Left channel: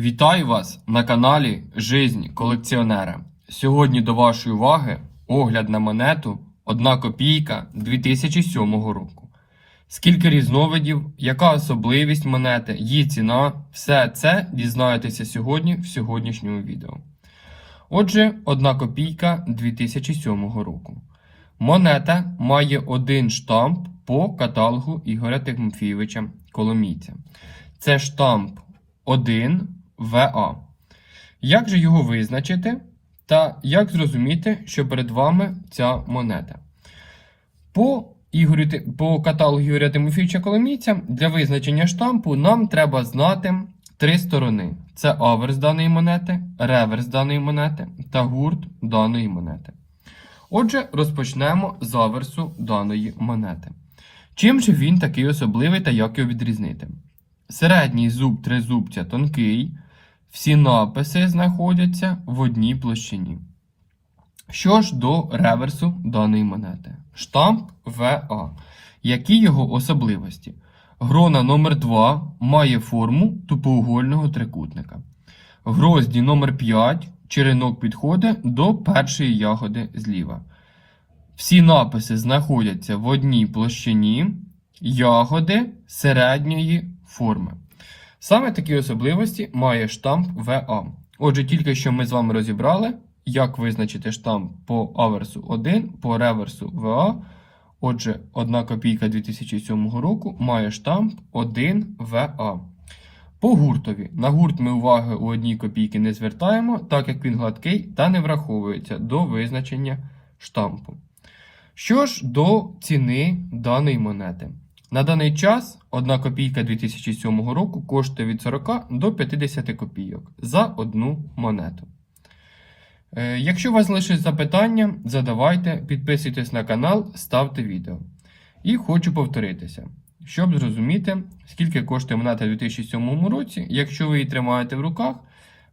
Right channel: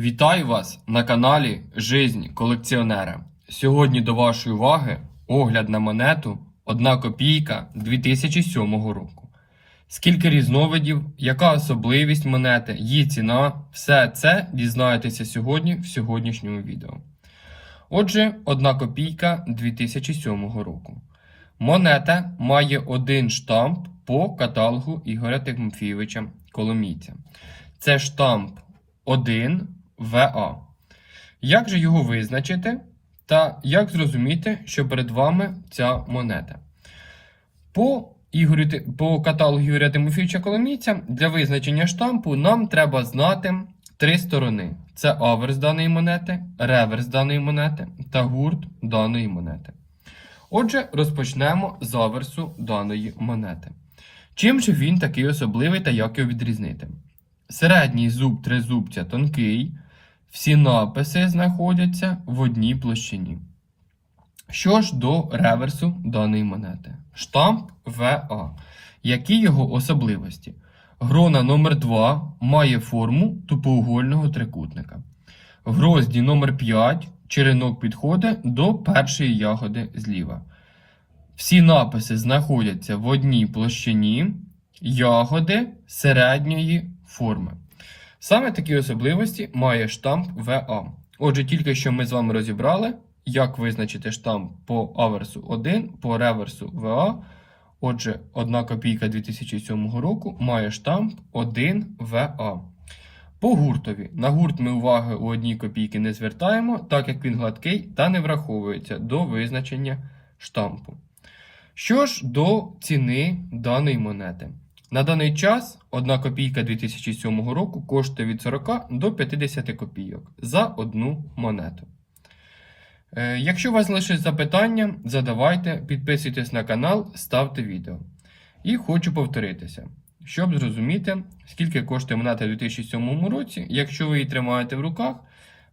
Вітаю вас на каналі Жизнь колекціонера. Сьогодні до вашої уваги огляд на монету 1 копійка 2007 року. Скільки різновидів, яка особливість монети, її ціна, все це дізнаєтеся сьогодні в сьогоднішньому відео. Отже, 1 копійка 2007 року. Монета має один штамп по каталогу Ігоря Тимофійовича Коломійця. Це штамп 1 ВА. Як же його визначити? Та як зрозуміти, що перед вами ця монета? По, Ігорю, по каталогу Ігоря Тимофійовича Коломійця для визначення штампу нам треба знати три сторони: це аверс даної монети, реверс даної монети та гурт даної монети. Отже, розпочнемо з аверсу даної монети. Чим же він такий особливий та як його відрізнити? Середній зуб тризубця тонкий, всі написи знаходяться в одній площині. Що ж до реверсу даної монети? Штамп ВА. Які його особливості? Грона номер 2 має форму тупоугольного трикутника. В грозді номер 5 черенок підходить до першої ягоди зліва. Всі написи знаходяться в одній площині ягоди середньої форми. Саме такі особливості має штамп ВА. Отже, тільки що ми з вами розібрали, як визначити штамп по аверсу 1, по реверсу ВА. Отже, 1 копійка 2007 року має штамп 1 ВА. По гуртові. На гурт ми уваги у одній копійки не звертаємо, так як він гладкий та не враховується до визначення штампу. Що ж до ціни даної монети? На даний час 1 копійка 2007 року коштує від 40 до 50 копійок за одну монету. Е, Якщо у вас лишить запитання, задавайте, підписуйтесь на канал, ставте відео. І хочу повторитися, щоб зрозуміти, скільки коштує монета у 2007 році. Якщо ви її тримаєте в руках,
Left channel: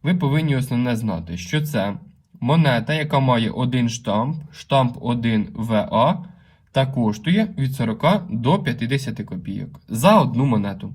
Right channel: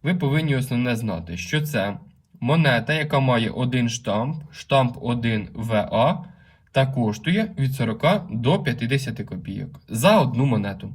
ви повинні основне знати, що це монета, яка має один штамп, штамп 1 ВА, та коштує від 40 до 50 копійок за одну монету.